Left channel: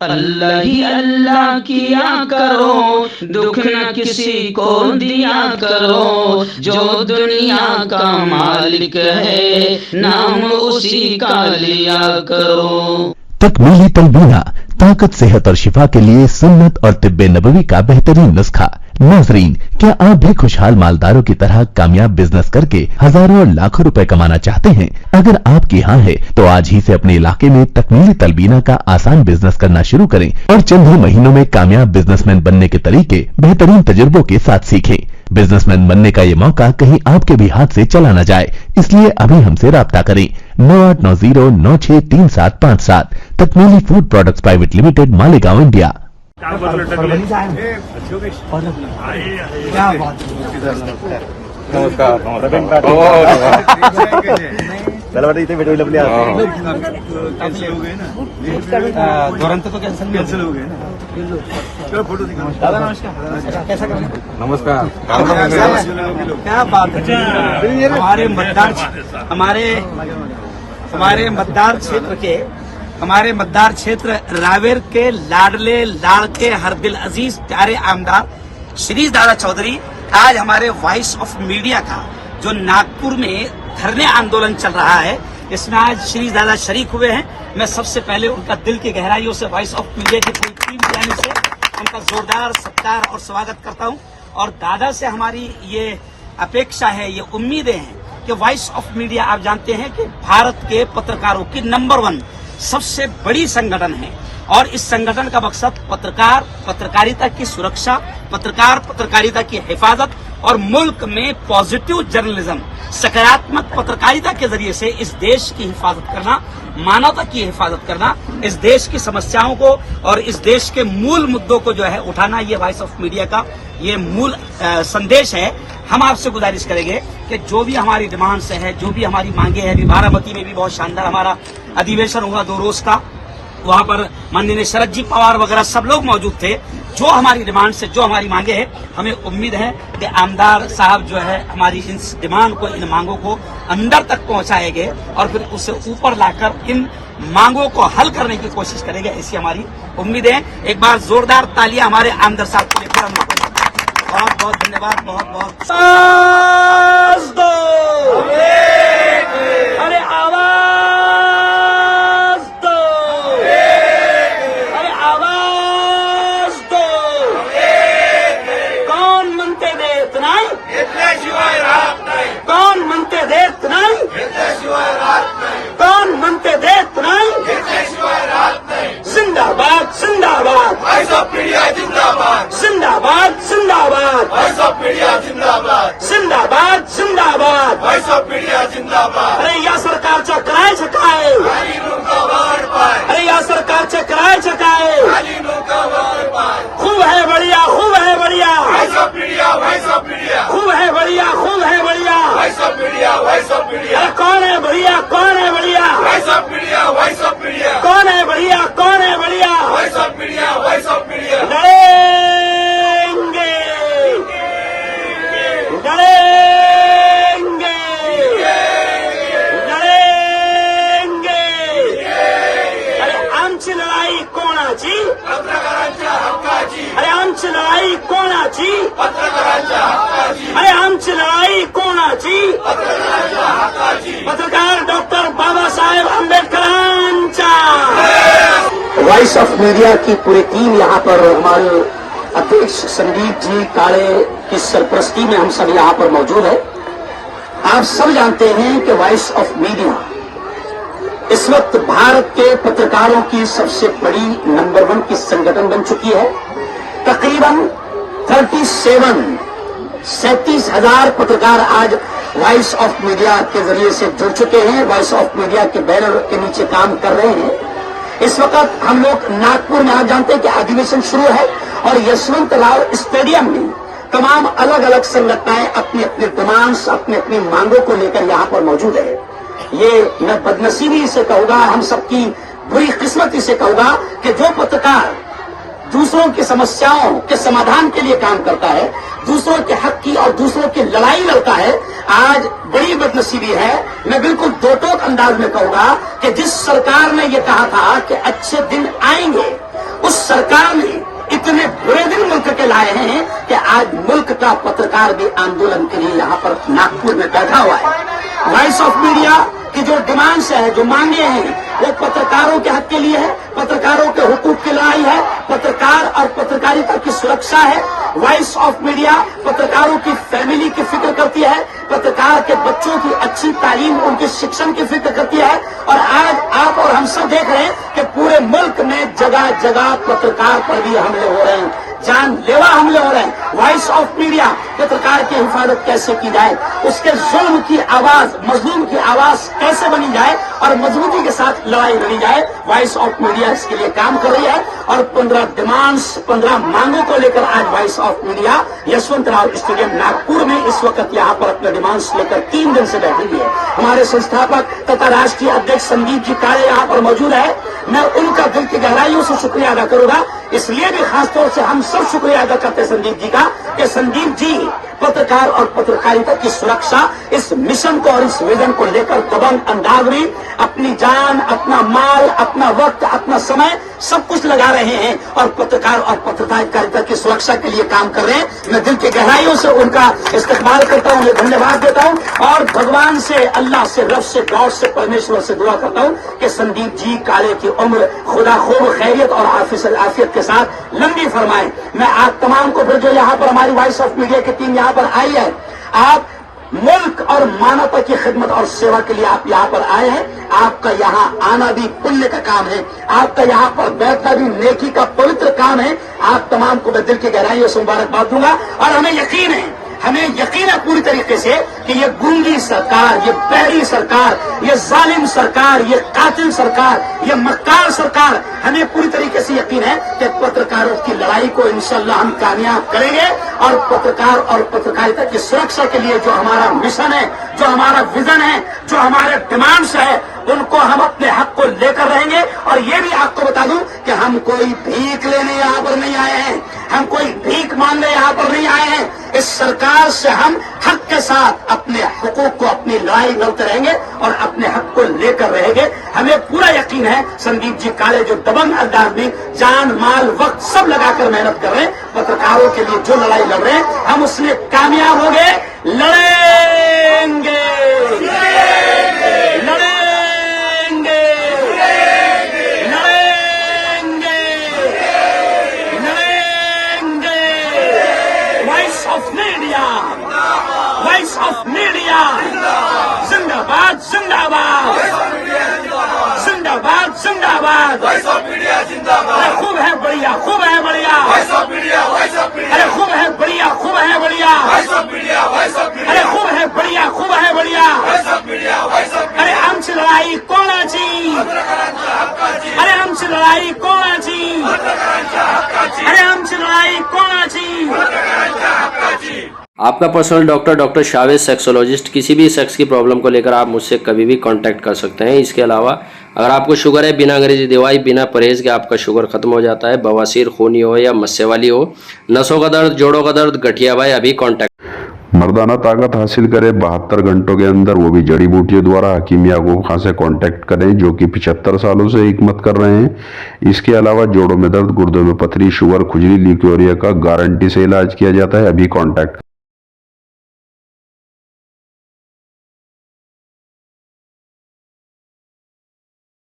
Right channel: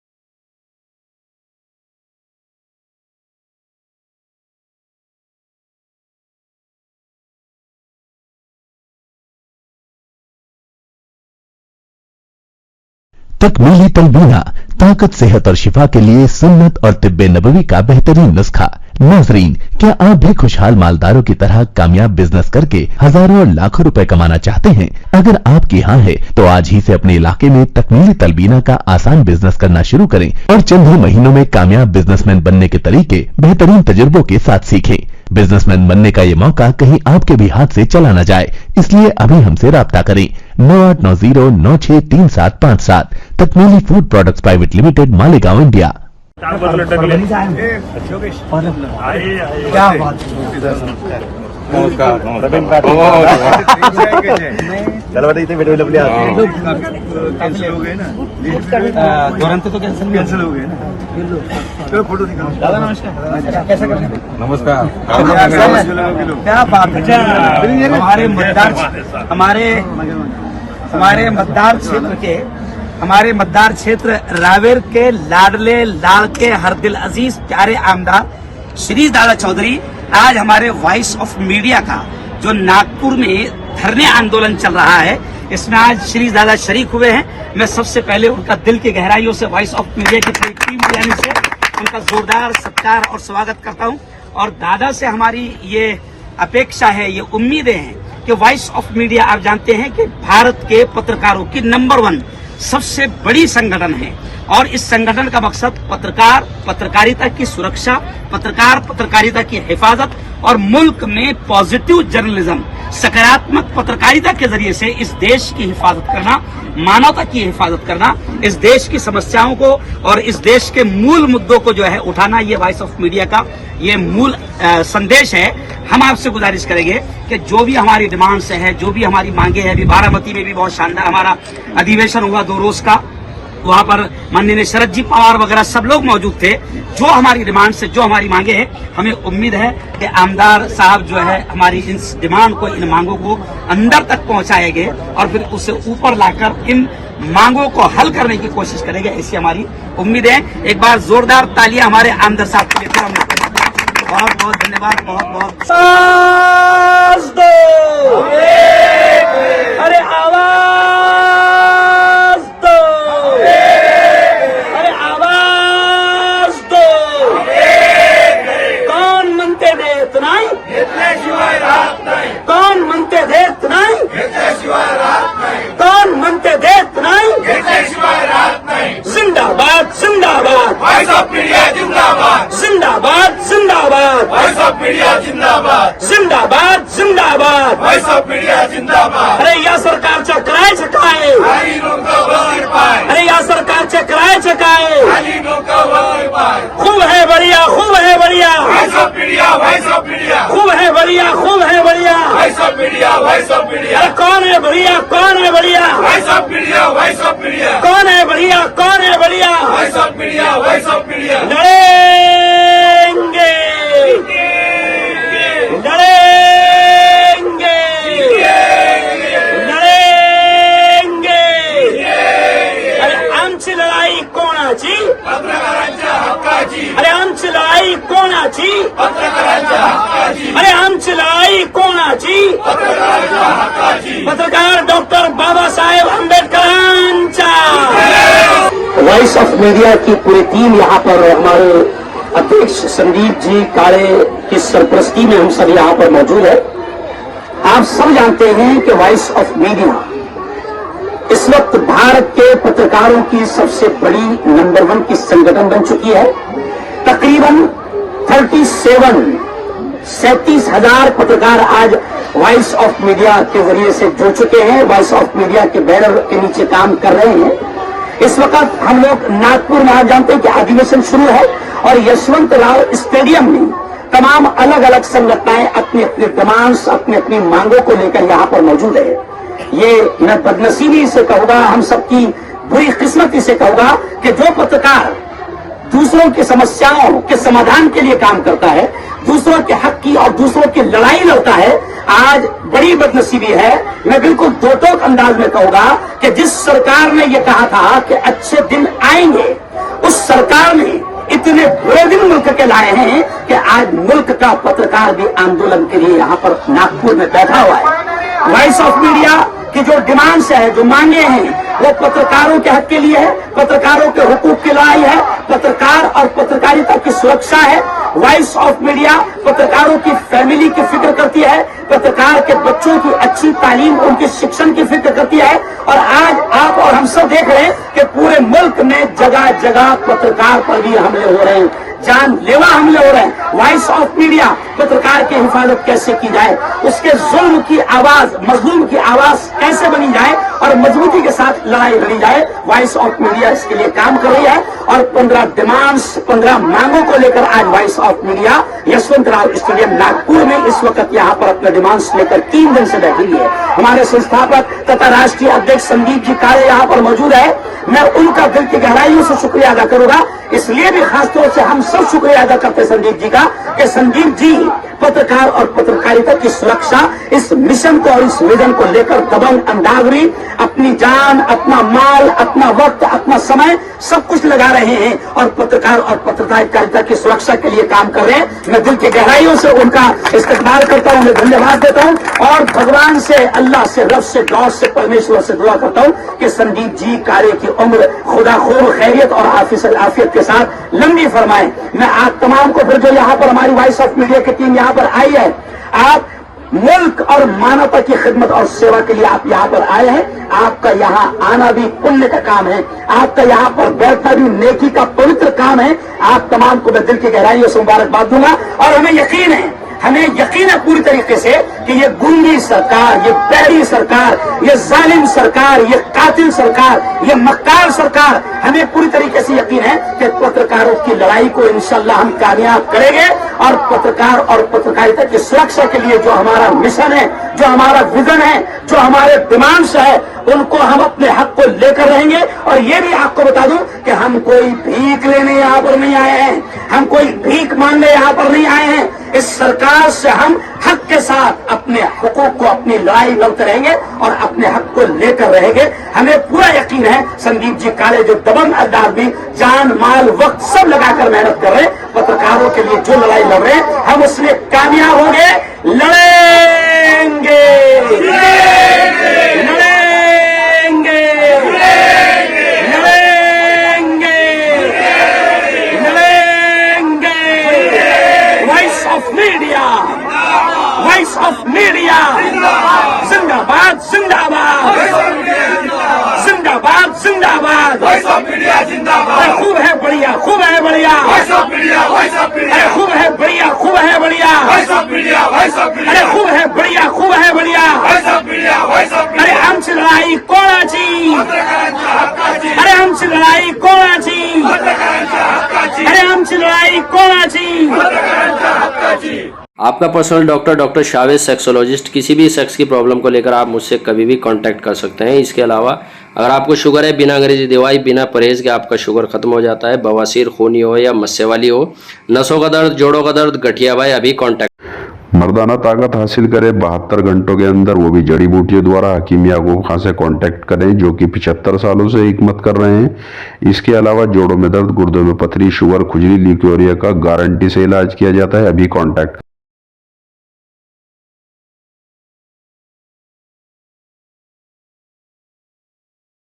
अल्लाह ही अल्लाह किया करो, दुख न किसी को दिया करो, जो दुनिया का मालिक है नाम उसी का लिया करो। तकमीली तलबीना, ताकत, सेहत और शिफा के लिए सुन्नत और तिब्बे नबवी का बेहतरीन नुस्खा। नाजरीन, क्या आप भी खुशहाल मालदारों की तरह कामयाब बिजनेस करके हजारों और लाखों रुपए कमाना चाहते हैं? अगर आपकी हाँ है तो आज ही से अपने इलाके में तकमीली तलबीना का आसान बिजनेस करना शुरू करें और चंद ही महीनों में कामयाब बिजनेसमैन बनने के तरीके बेहतरीन तजुर्बों के साथ सीखें। बिजनेसमैन बनने का ये मौका कहीं आपके भी हाथ से चला न जाए, इसलिए अभी हमसे राब्ता करें 9890963757। Takmeeli food products private limited, Malegaon, India. क्या बात नमस्कार चलो बेटा इतने वीडियो कैंसिल हो गए ना, तुरंत तो कैंसिल हो गए ना। चलो फोटो निकालो। दादा नमस्कार, कैसा कर नमस्कार। क्या बात है, हमारे मतदार क्षेत्र रावेर के लाडले लाड़के हर दिल अजीज प्यारे आमदार श्री दादा चौधरी आज हमारे वॉइस ऑफ मीडिया का जो नागपुर में धरने आंदोलन चल रहा है, इसमें आज श्री दादा शरीक हुए हैं। मैं सबसे पहले उनका दिल की गहराइयों से वॉइस ऑफ मीडिया की पूरी टीम की जानिब से उनका जोरदार सत्कार और स्वागत करता हूं। और दादा से हमारी ये अपेक्षा है, ये उम्मीदें हैं कि वॉइस ऑफ मीडिया, आप जानते हैं कि भारत के पत्रकारों की नंबर 1 सबसे बड़ी संगठन है और इस संगठन का मकसद पत्रकारिता की सुरक्षा, पत्रकारिता की हिफाजत और मुल्क में पॉजिटिव जर्नलिज्म, सकारात्मक पत्रकारिता के जरिए से इस देश की हिफाजत करना, मानवता की हिफाजत करना, इस देश की समस्याओं को और इस देश के मूल मुद्दों को जो है उठाना, ये वॉइस ऑफ मीडिया का ये मूल संदेश है। हम आपसे गुजारिश करेंगे कि जो भी हमारी डिमांड्स है, जो भी हमारी मांगे हैं, अभी बारामती में भी बहुत शानदार हमारा अधिवेशन हुआ 2 रोज का, वहां पर माननीय शरद जी पवार वगैरह सब लोग मौजूद थे। जो हमारी डिमांड से, जो हमारी मांगे हैं, हमें उम्मीद है कि आमदार साहब जो है हमारी इन डिमांड को, इन मांगों को अंदर तक पहुंचाएंगे और फिर उसे ऊपर लाकर इन मांगों को हल करने की कोशिश करेंगे, ऐसी हमारी उम्मीद है। एक बार जोरदार तालियां हमारे आमदार साहब के लिए। बहुत बहुत धन्यवाद, बहुत बहुत। अरे आवाज दो, अरे आवाज दो। कौन म्हणते देत नाही, घेतल्याशिवाय राहत नाही। कौन म्हणते देत नाही, घेतल्याशिवाय राहत नाही। कौन म्हणते देत नाही, घेतल्याशिवाय राहत नाही। जिंदाबाद जिंदाबाद, वॉइस ऑफ मीडिया जिंदाबाद। जिंदाबाद जिंदाबाद, वॉइस ऑफ मीडिया जिंदाबाद। जिंदाबाद जिंदाबाद, वॉइस ऑफ मीडिया जिंदाबाद। अरे या सरकारच्या करायचं काय, खाली लोकांवर पाय। अरे या सरकारच्या करायचं काय, खाली लोकांवर पाय। खूब है बढ़िया, खूब है बढ़िया, voice of media, voice of media. खूब है बढ़िया, खूब है बढ़िया, voice of media, voice of media. अरे कौन है बढ़िया, कौन है बढ़िया, voice of media, voice of media. कौन है बढ़िया, कौन है बढ़िया, voice of media, voice of media. लड़ेंगे लड़ेंगे लड़ेंगे। अरे आमची लढाई कोणाची, पत्रकारांच्या हक्काची। अरे आमची लढाई कोणाची, पत्रकारांच्या हक्काची। अरे आमची लढाई कोणाची, पत्रकारांच्या हक्काची। पत्रकार डॉक्टर बाबासाहेब आंबेडकरांचा। वॉइस ऑफ मीडिया की पूरी टीम यहाँ पर हमारे अध्यक्ष संदीप जी काळे की सरपरस्ती में हम सब यहाँ पर मौजूद है। आप सब जानते हैं कि वॉइस ऑफ मीडिया इस वक्त भारत के पत्रकारों की सबसे बड़ी नंबर 1 की संगठन बन चुकी है। तकरीबन 37,000 पत्रकार आज वॉइस ऑफ मीडिया के जरिए से जुड़ चुके हैं, वॉइस ऑफ मीडिया के बैनर के नीचे काम कर रहे हैं। इस वक्त हम लोग नागपुर में, आप जानते हैं कि अधिवेशन शुरू है और यशवंतराव स्टेडियम में तमाम अलग अलग संगठनाएं अपनी अपनी डिमांड्स, अपनी अपनी मांगों को लेकर यहाँ पर मौजूद है। ये मैं बदनसीबी से कहूंगा, हम सबकी बुरी किस्मती से कहूंगा कि जो पत्रकार दूसरों की समस्याओं के समाधान के लिए काम करता है, दूसरों के हक की और दूसरों की लड़ाई लड़ता है, आज बड़ी बदनसीबी है। मैं बिल्कुल दो-टोक अंदाज में कहूंगा कि जिस सरकार ने ये कहा था कि अच्छे दिन आएंगे सरकार ने इतने बुरे दिन मुल्क के लाए हैं कि आज मुल्क का पत्रकार भी आंदोलन के लिए यहाँ पर नागपुर में बैठा हुआ है। वॉइस ऑफ मीडिया की जो डिमांड्स है, जो मांगे हैं, वो पत्रकारों के हक के लिए है, पत्रकारों के हुकूक की लड़ाई है, पत्रकार और पत्रकारिता की सुरक्षा है। वॉइस ऑफ मीडिया पत्रकारों की फैमिली की फिक्र करती है, पत्रकार के बच्चों की अच्छी तालीम, उनके शिक्षण की फिक्र करती है। और आज आप और हम सब देख रहे हैं कि पूरे मुल्क में जगह जगह पत्रकार पर भी हमले हो रहे हैं, जानलेवा हमले हो रहे हैं। वॉइस ऑफ मीडिया पत्रकार की हिफाजत कैसे की जाए, उसके जुल्म की आवाज, मजलूम की आवाज कैसे बनी जाए और मजबूती के साथ लड़ाई लड़ी जाए, वॉइस ऑफ मीडिया इसके लिए काम कर रही है। और 15 डिमांड्स, 15 मांगों को लेकर आज voice of media Yashwantrao stadium Nagpur में इस वक्त यहाँ पर अपने डिमांड्स लेकर 3 दिन से बैठी हुई है। हमारे संस्थापक तथा राष्ट्रीय अध्यक्ष संदीप जी काले यहाँ पर मौजूद है। मैं उनका दिल की गहराइयों से शुक्रिया अदा करूंगा, इसलिए भी खासतौर से हम सब शुक्रिया अदा करते हैं संदीप जी का कि संदीप जी पत्रकार और पत्रकारिता की सुरक्षा, इस मिशन को और इस विजन को लेकर दबंग अंधाधुंधी अपनी जान, अपना माल, अपना वक्त, अपना समय सब कुछ लगा रहे हैं और पत्रकार और पत्रकारिता की सुरक्षा के लिए काम कर रहे हैं। मैं दिल की गहराइयों से उनका इस्तकबाल करता हूं, मैं धन्यवाद देता हूं और भगवान से, अल्लाह से, रब से, गॉड से, परमेश्वर से दुआ करता हूं कि संदीप जी कार्य की उम्र खुदा खूब खैरियत और आफियत के साथ लंबी फरमाए। मैं आप तमाम को फिर जो यहाँ पर हमारी वॉइस ऑफ मीडिया की टीम यहाँ पर आई है, आप मुल्क और मानवता की खिदमत और सेवा के लिए आप यहाँ पर आए हैं। आपका यहाँ आना भी पुण्य का काम है, आपका यहाँ पर बैठना भी नेकी का पवित्र काम है। आप तमाम को मैं दिल की गहराइयों से मुबारकबाद दूंगा और हमें यकीन है पूरी तरीके से कि ये गुंडी सरकार, ये बैरी सरकार, ये जालिम सरकार, ये कातिल सरकार, ये मक्कार सरकार, हमें पूरी तरीके से यकीन है कि पत्रकारों की लड़ाई को इंशाअल्लाह हम कामयाब करेंगे और पत्रकार और पत्रकारिता की सुरक्षा के लिए जो हमारा मिशन है, जो हमारा विजन है, जो हमारे डिमांड्स है, उनको हम अपने हक को लेकर रहेंगे। और ये भी आपको बता दूं कि हम कोई भीख लेने यहाँ पर नहीं आए हैं, हम कोई भीख मांगने यहाँ पर नहीं आए हैं। इस सरकार से हम हक के साथ अपने हुकूक को, अपनी लड़ाई लड़ते रहेंगे और अपने हक को लेकर रहेंगे। हमें पूरा यकीन है संदीप जी काले जो दबंग अंदाज में जान, माल, वक्त सब लगाकर मेहनत कर रहे हैं, पत्रकारों के लिए जो लड़ाई लड़ रहे हैं, हम उसमें कामयाब होंगे, लड़ेंगे। वॉइस ऑफ मीडिया जिंदाबाद, जिंदाबाद, जिंदाबाद, जिंदाबाद। अरे खूब है बढ़िया, खूब है बढ़िया, अरे खूब है बढ़िया, खूब है बढ़िया, अरे खूब है बढ़िया, खूब है बढ़िया। अरे आमची लढाई कोणाची, अरे आमची लढाई कोणाची, अरे आमची लढाई कोणाची। आपका पर्सनल डॉक्टर शावेज सेक्सोलॉजिस्ट, किसी भी सेक्स की प्रॉब्लम को लेकर आप मुझसे कभी भी कांटेक्ट कर सकते हैं। इसके अलावा अगर आपको शुगर है, बिना अंग्रेजी दवाई, बिना परहेज के आपका शुगर खत्म हो जाता है, बवासीर, खूनी हो या मस्से वाली हो, नसों का दर्द, जोड़ों का दर्द, गठिया भाई, अभी कांटेक्ट। मर्दाना ताकत हासिल करे 72 घंटों के अंदर, वो भी जड़ी बूटियों द्वारा। हकीम याकूब खां से कांटेक्ट करें जो कि 75 सालों से हिकमत कर रहे हैं। इसके अलावा जोड़ों में दर्द, गुर्दों में पथरी, शुगर, खुजली, ल्यूकेरिया का गारंटी से इलाज किया जाता है। अभी कांटेक्ट